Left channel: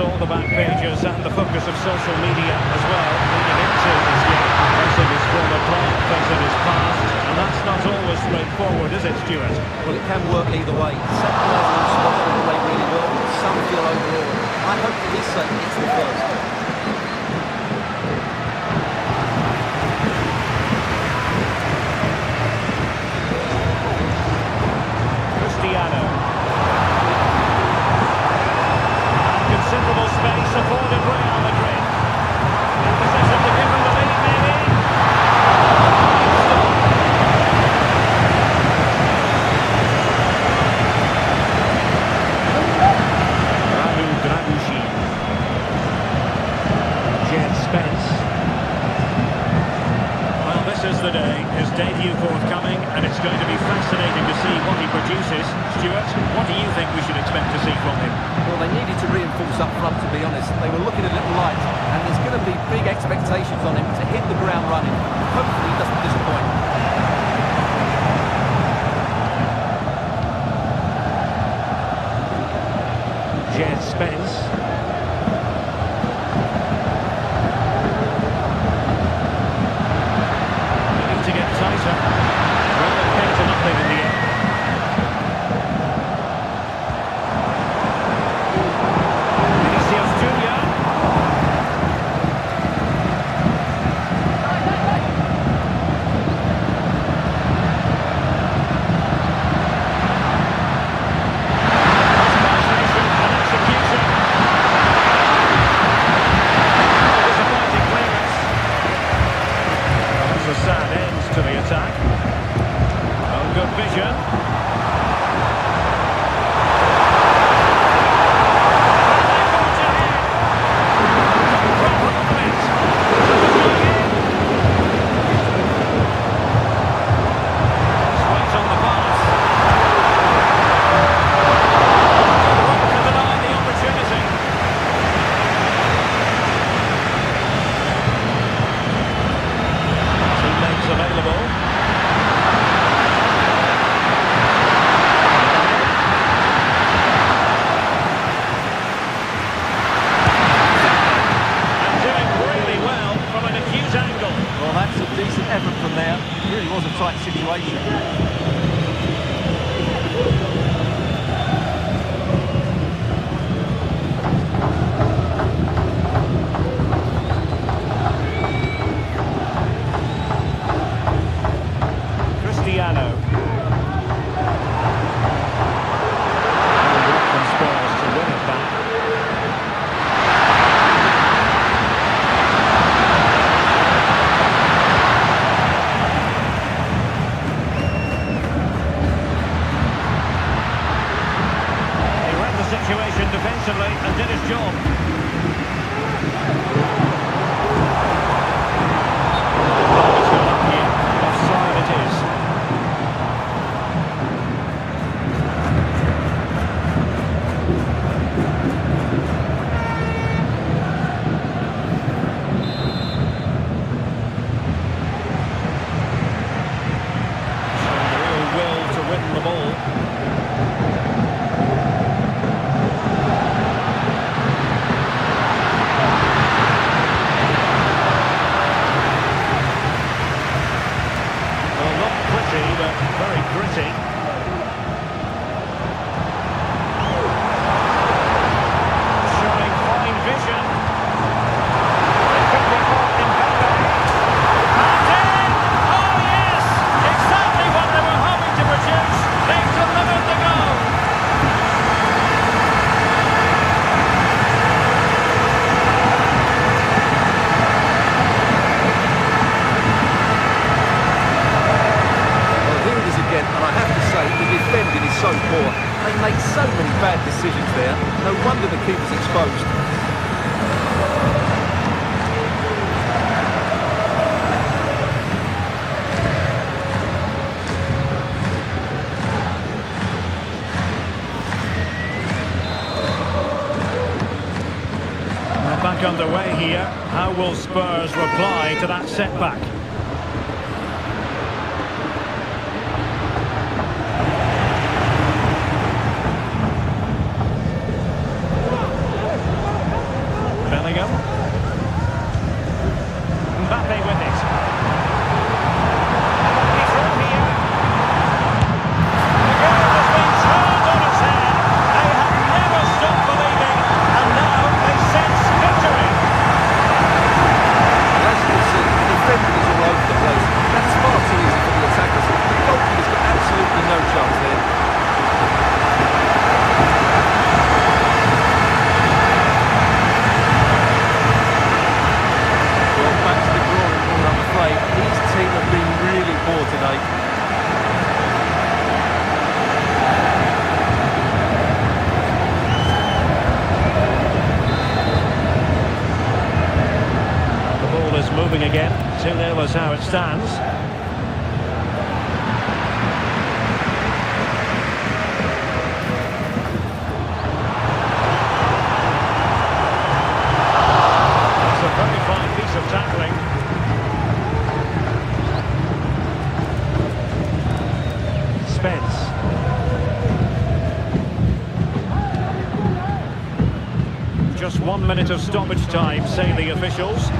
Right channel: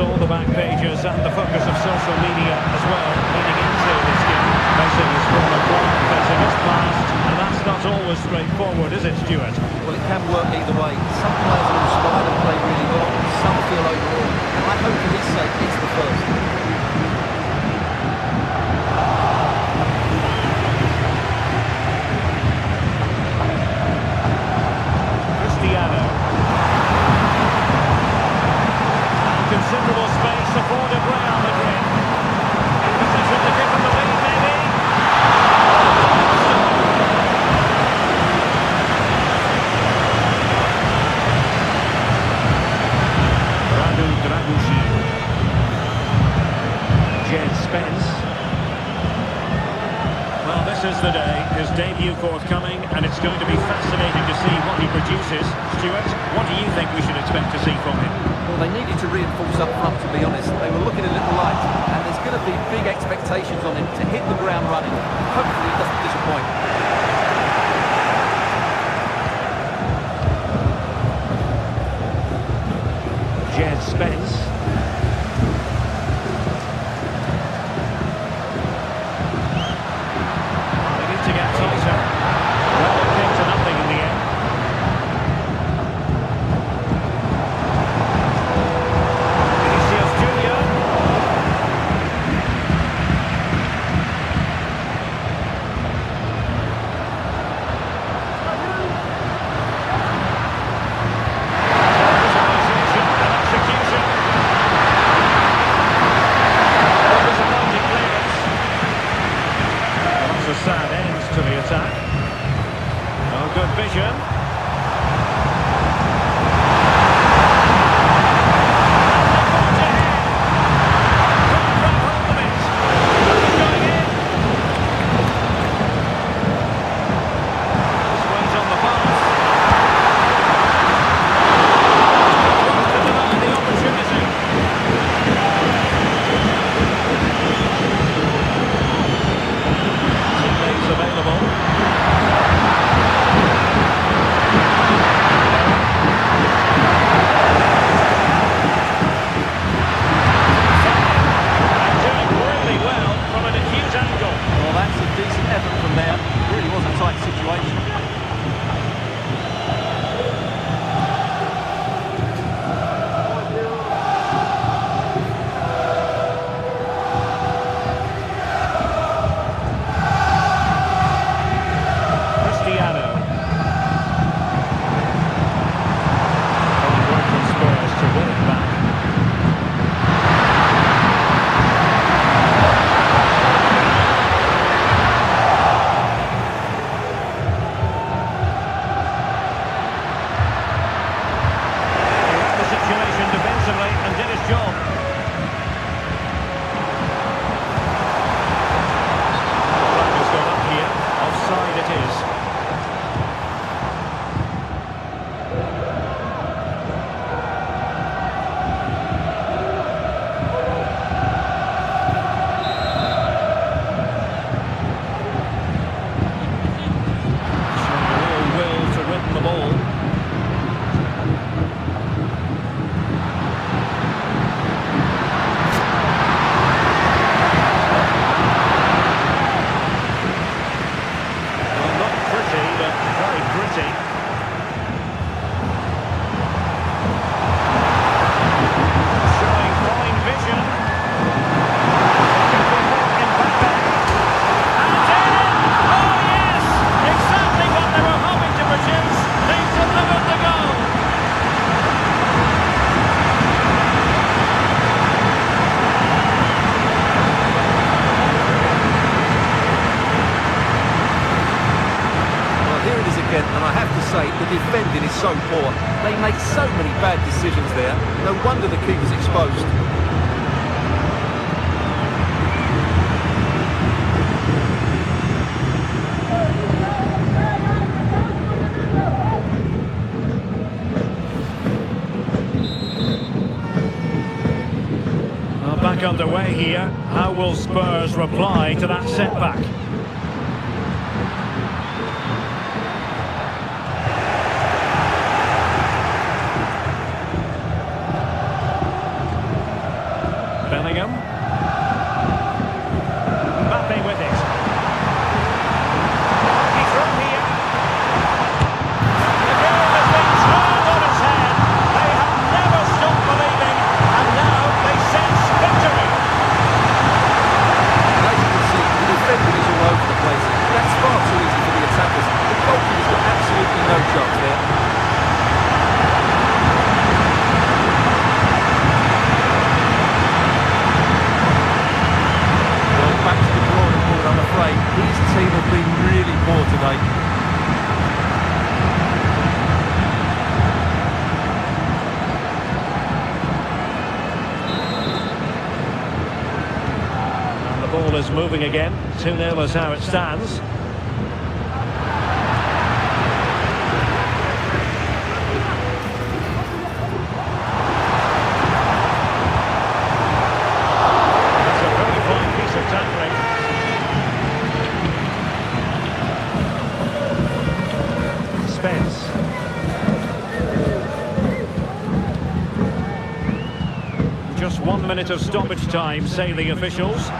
all the back pages and the focus of social media as well, leading into this game. Facing his former club, facing his past, and that's not always straightforward, is it, Stuart? Well, it can work either way. Some players are inspired and play really well, some feel overawed. I hope for his sake it's the first. Cristiano. And considerable space afforded Real Madrid. In position to give them the lead, maybe. Oh, fine stop. Radu Dragusin. Jed Spence. Well, this is the day, his debut forthcoming, and it's going to be fascinating to see what he produces. Stuart, what do you think we should expect to see from him? Well, they needed to reinforce up front, to be honest. They were looking a little light, and there's going to be big expectations on him to hit the ground running. Hopefully he doesn't disappoint. Jed Spence. To get tighter. Well, it came to nothing in the end. Vinicius Junior. Visualization and execution. Oh, disappointing clearance. Well, that's a sad end to the attack. Oh, good vision. And they forge ahead. Couldn't grab hold of it. That was going in. Just wait on the pass. Good work to deny the opportunity. Teammates available. And doing really well from an acute angle. Well, that's a decent effort from there. It really was a tight situation. Cristiano. Only work from Spurs to win it back. He read the situation defensively and did his job. The flag has gone up here. Offside it is. Showing a real will to win the ball. Well, not pretty, but very gritty. Showing fine vision. It could be for Mbappe. And in! Oh yes! Exactly what they were hoping to produce. They've delivered the goal. Here it is again, and I have to say, the defending is so poor. They make so many bad decisions there. No wonder the keeper's exposed. Well, back underway here. How will Spurs reply to that setback? Bellingham. Mbappe with it. They might be through here. The game has been turned on its head. They have never stopped believing, and now they sense victory. And as you can see, the defending is all over the place. That's far too easy for the attackers. The goalkeeper's got absolutely no chance there. Well, back to the drawing board, I'm afraid. His team have been really poor today. And the ball is moving again. 2-0 is how it stands. A very fine piece of tackling. Spence. Just 1 minute of stoppage time, say the officials.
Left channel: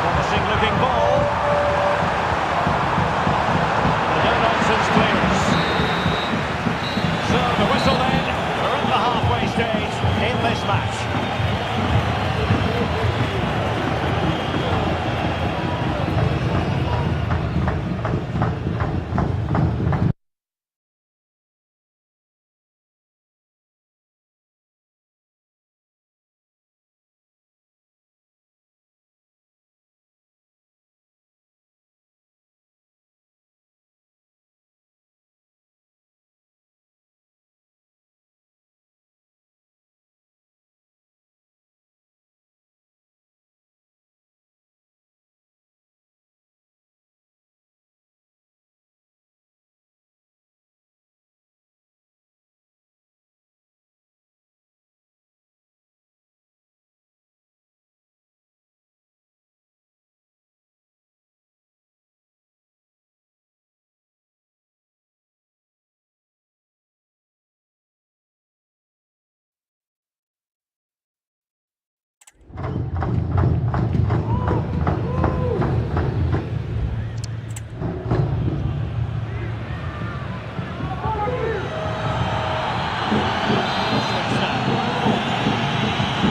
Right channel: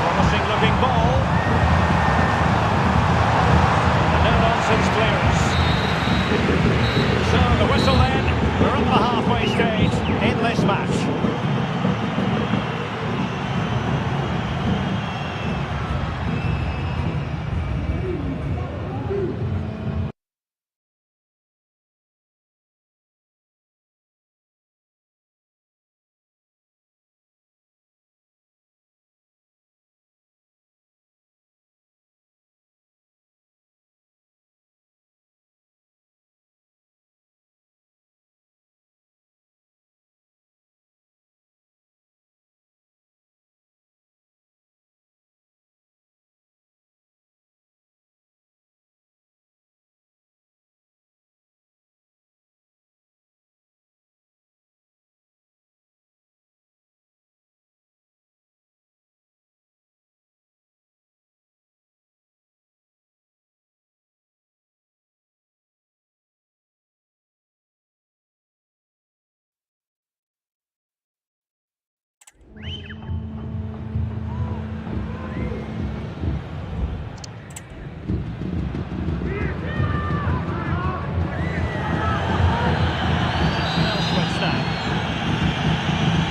Promising looking ball. And a no-nonsense clearance. So the whistle then. We're at the halfway stage in this match.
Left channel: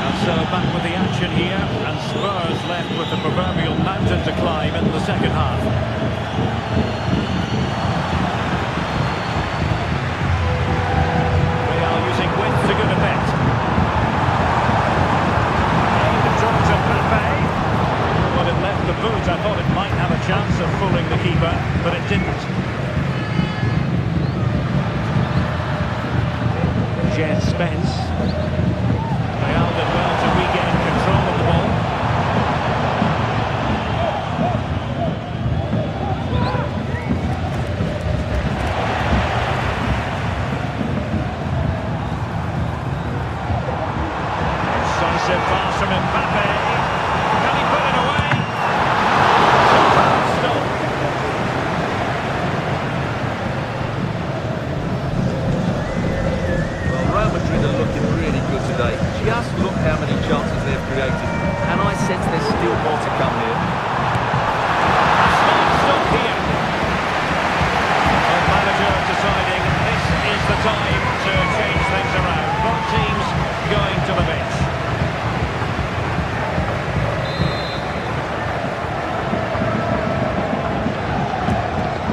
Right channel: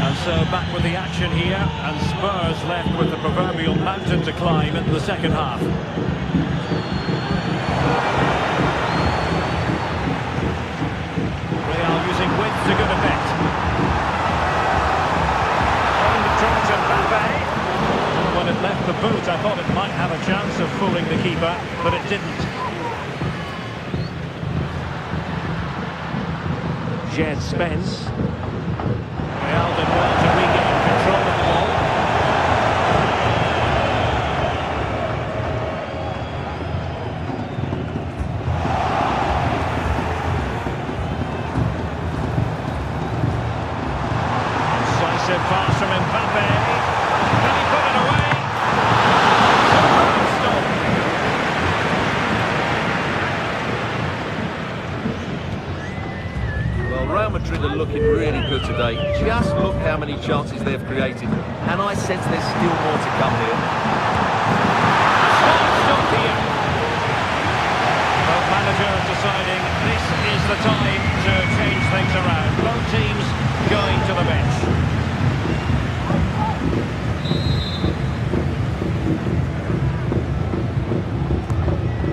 And so back with the action here, and Spurs left with the proverbial mountain to climb in the second half. Real using width to good effect. Aimed towards Mbappe. Well, when it left the boot, I thought it might have a chance of fooling the keeper, but it didn't. Jed Spence. Real did well to regain control of the ball. Incisive pass from Mbappe. Can he put it away? Superb stop. Real Madrid are looking really good today. Just look how many chances they've created. And I sense there's still more to come here. A smart stop here. Both managers deciding this is the time to change things around. Both teams going to the bench.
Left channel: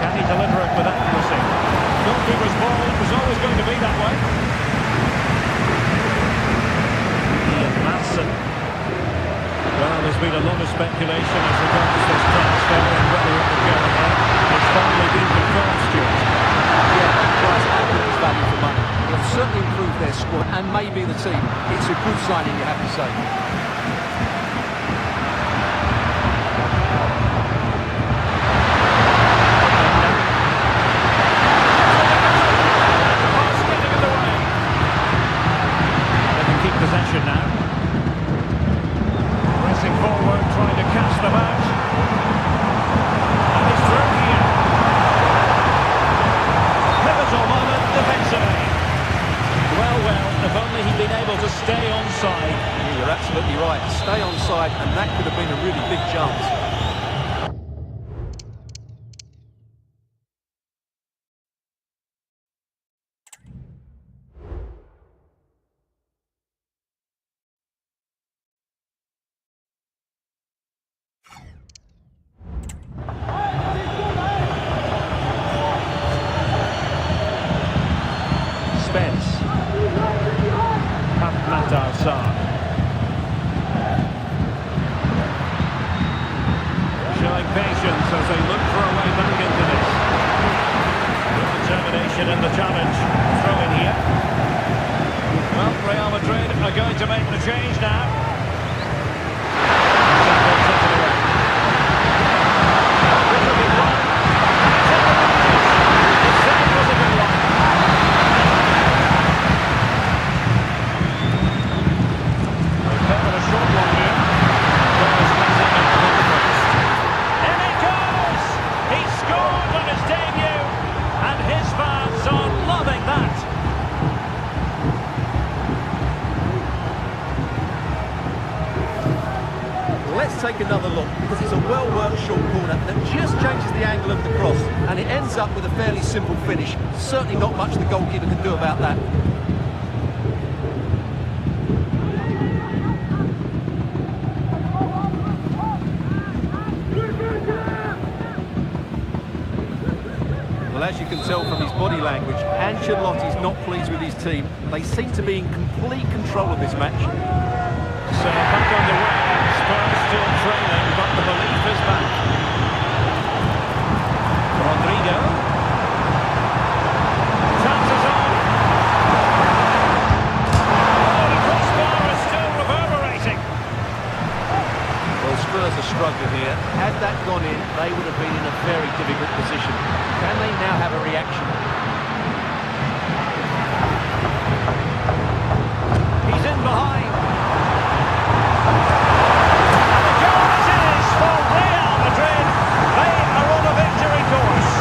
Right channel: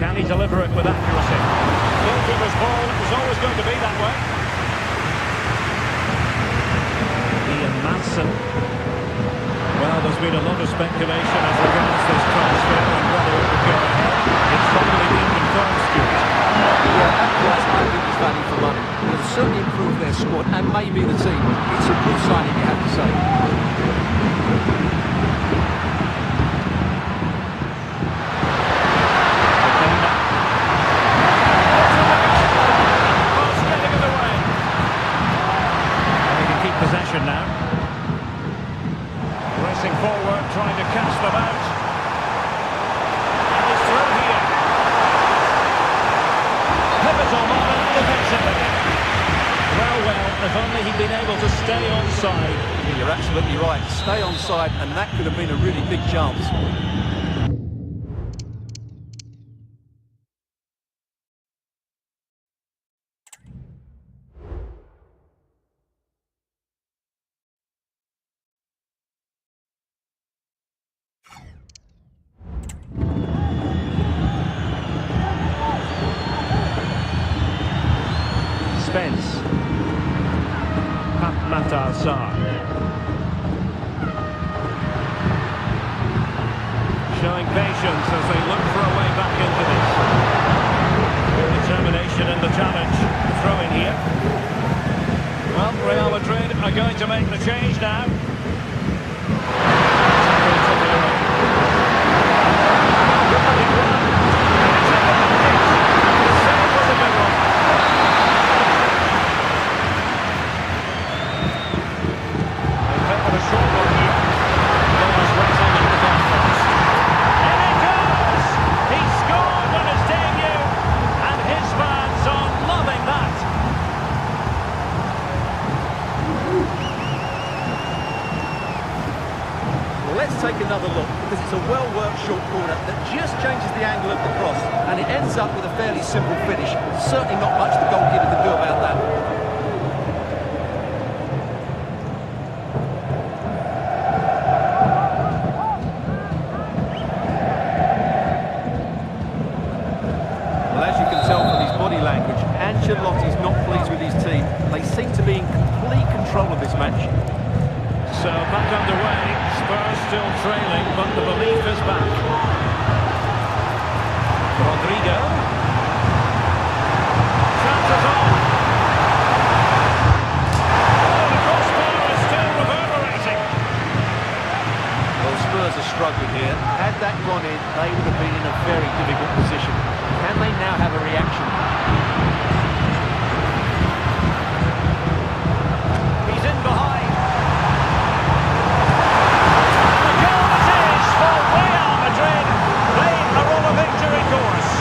Can he deliver it with accuracy? Goalkeeper's ball, it was always going to be that way. Ian Madsen. Well, there's been a lot of speculation as regards this transfer and whether it would go ahead. It's finally been confirmed, Stuart. Yeah, that price I think is value for money. He'll certainly improve their squad and maybe the team. It's a good signing, you have to say. Openda. And the post getting in the way. They can keep possession now. Pressing forward, trying to catch them out. And he's through here. Pivotal moment defensively. Well, if only he'd been able to stay onside. Yeah, you're absolutely right. Stay onside, and that could have been a really big chance. Spence. Pat Matar Sarr. Showing patience as they look for a way back into this. Good determination in the challenge. A throw in here. Well, Real Madrid are going to make the change now. Tackle taken away. Oh, good looking run. Can he take advantage? The save was a good one. A short one here. Players waiting at the bar post. In it goes! He scored on his debut, and his fans are loving that. Let's take another look, because it's a well-worked short corner that just changes the angle of the cross, and it ends up with a fairly simple finish. Certainly not much the goalkeeper could do about that. Well, as you can tell from his body language, Ancelotti's not pleased with his team. They seem to be in complete control of this match. So back underway, Spurs still trailing, but the belief is back. Rodrigo. Chances on. Oh, the crossbar is still reverberating. Well, Spurs are struggling here. Had that gone in, they would have been in a very difficult position. Can they now have a reaction? He's in behind. And the goal it is for Real Madrid. They are on a victory course.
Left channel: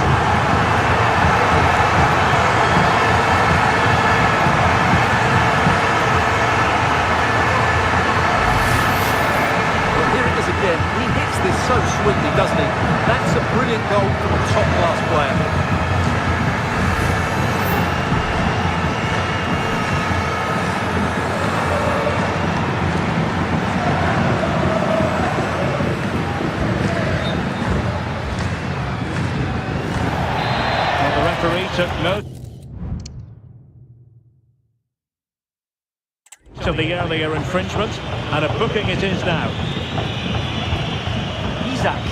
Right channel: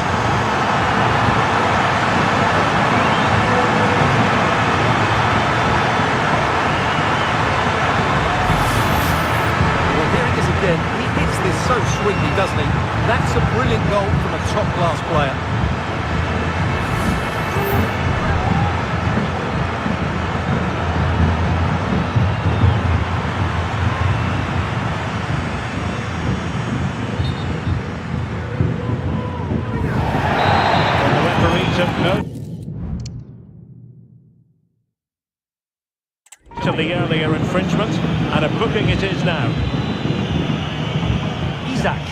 Well, here it is again. He hits this so sweetly, doesn't he? That's a brilliant goal from a top-class player. Well, the referee took note of the earlier infringement, and a booking it is now. Isaac.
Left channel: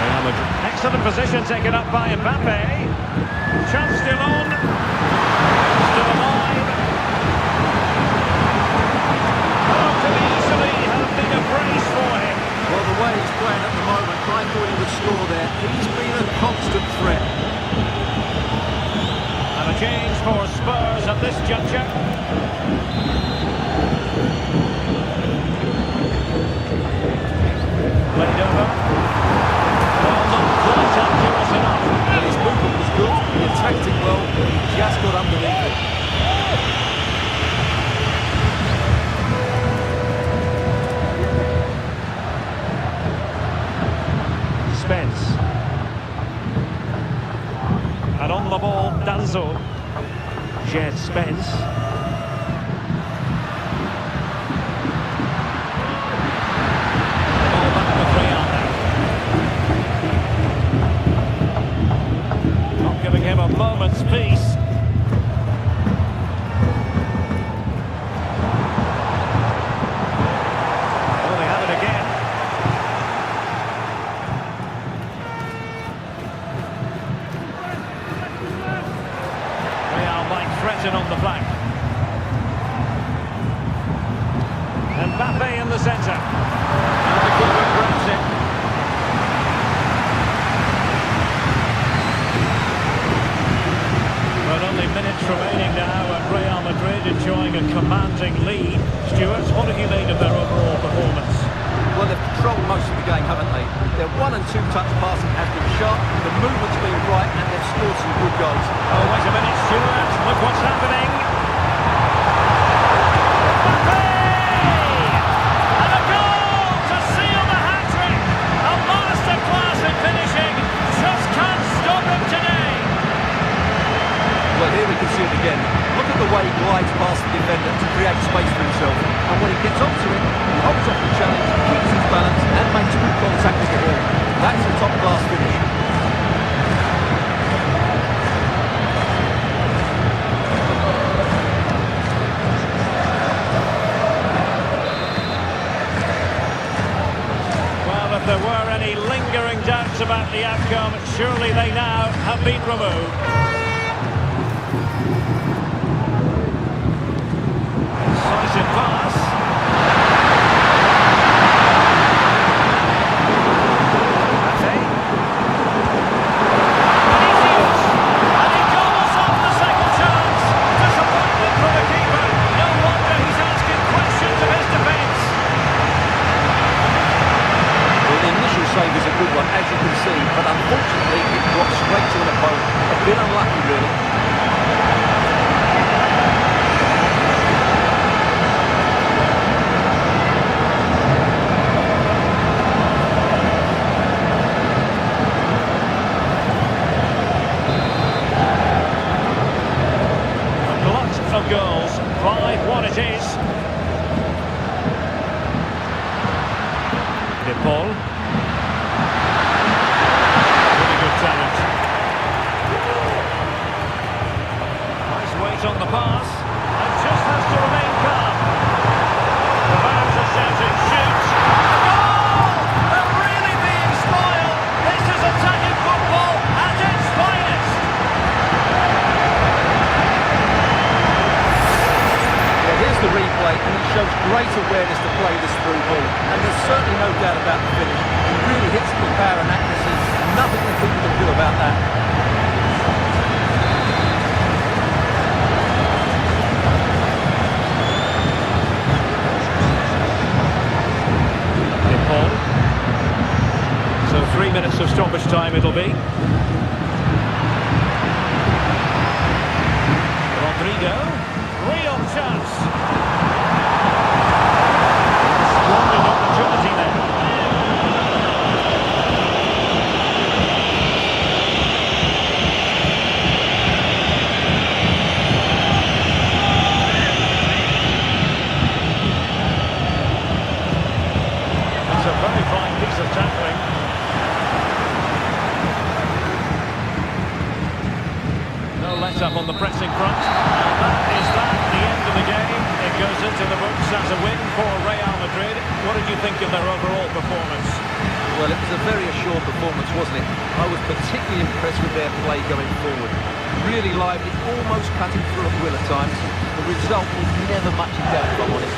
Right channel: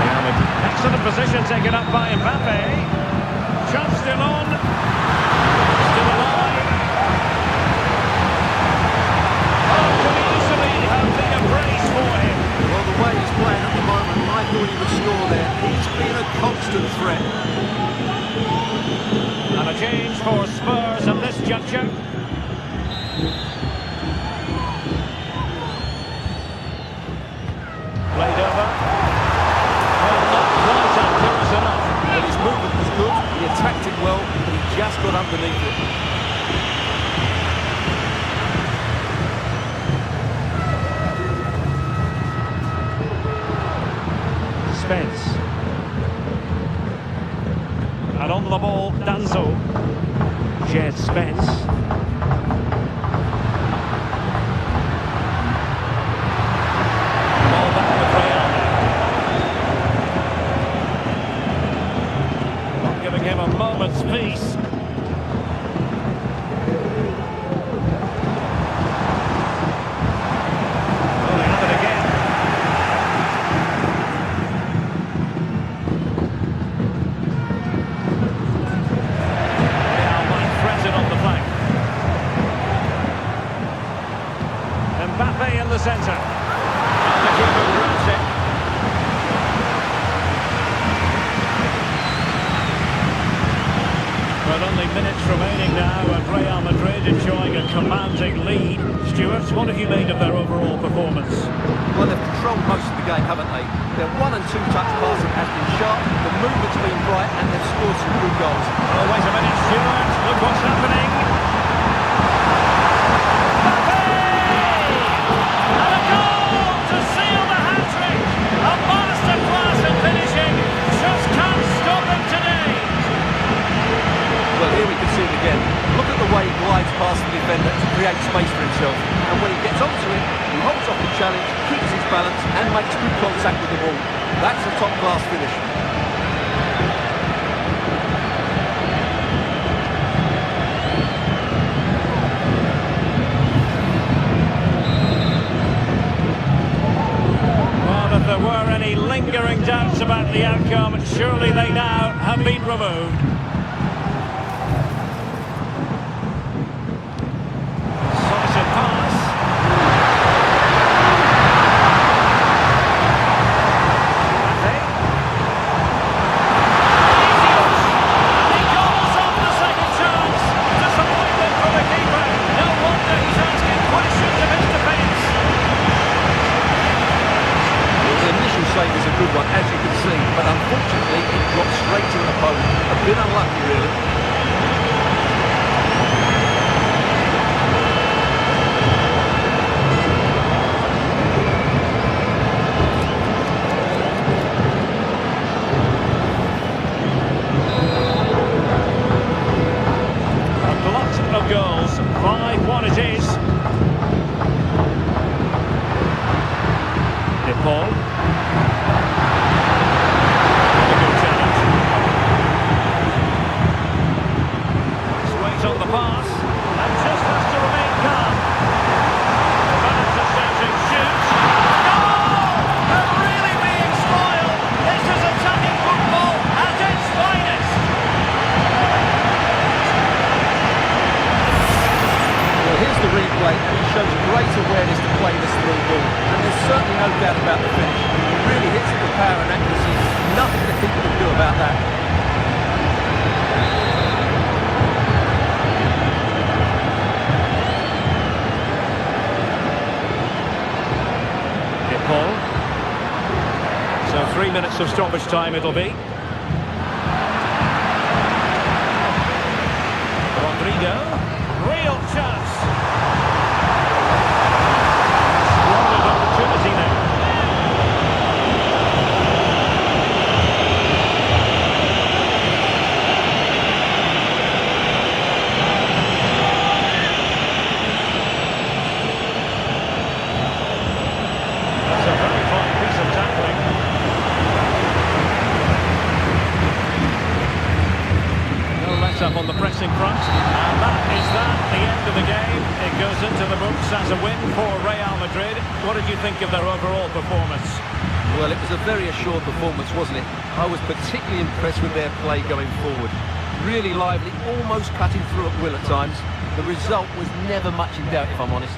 Real Madrid. Excellent position taken up by Mbappe. Chance still on. Still alive. Oh, could easily have been a brace for him. Well, the way he's playing at the moment, I thought he would score there. He's been a constant threat. And a change for Spurs at this juncture. Played over. Well, not quite accurate enough. Well, his movement was good, he attacked it well, but he just got underneath it. Spence. And on the ball, Danzo. Jed Spence. The ball back with Real now. Not giving him a moment's peace. Oh, they have it again. Threatened on the flank. Mbappe in the centre. And the keeper grabs it. Well, only minutes remaining now, and Real Madrid enjoying a commanding lead. Stuart, what have you made of their overall performance? Well, they've controlled most of the game, haven't they? Their 1- and 2-touch passing has been sharp, the movement's been bright, and they've scored some good goals. Oh, wait a minute, Stuart. Look what's happening. Mbappe! And a goal to seal the hat-trick. A masterclass in finishing. Just can't stop him today. Well, here we can see it again. Look at the way he glides past the defender to create space for himself. And when he gets onto it, he holds off the challenge, keeps his balance, and makes good contact with the ball. That's a top-class finish. Well, if there were any lingering doubts about the outcome, surely they now have been removed. Decisive pass. Mbappe. Vinicius. And he gobbles up the second chance. Disappointment for the keeper. No wonder he's asking questions of his defence. Well, the initial save is a good one, as you can see, but unfortunately it drops straight to an opponent. A bit unlucky, really. A glut of goals. 5-1 it is. De Paul. Really good challenge. Nice weight on the pass. And just has to remain calm. The fans are shouting, shoot! A goal! They're really being spoiled! This is attacking football at its finest! Well, here's the replay, and he shows great awareness to play this through ball. And there's certainly no doubt about the finish. He really hits it with power and accuracy. Nothing the keeper can do about that. De Paul. So 3 minutes of stoppage time it'll be. Rodrigo. Real chance. Squandered opportunity there. That's a very fine piece of tackling. No let-up on the pressing front. And that is the end of the game. It goes into the books as a win for Real Madrid. What did you think of their overall performance? Well, it was a very assured performance, wasn't it? I was particularly impressed with their play going forward. Really lively, almost cutting through at will at times. The result was never much in doubt, if I'm honest.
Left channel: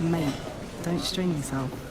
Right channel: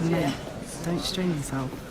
Mate, don't strain yourself.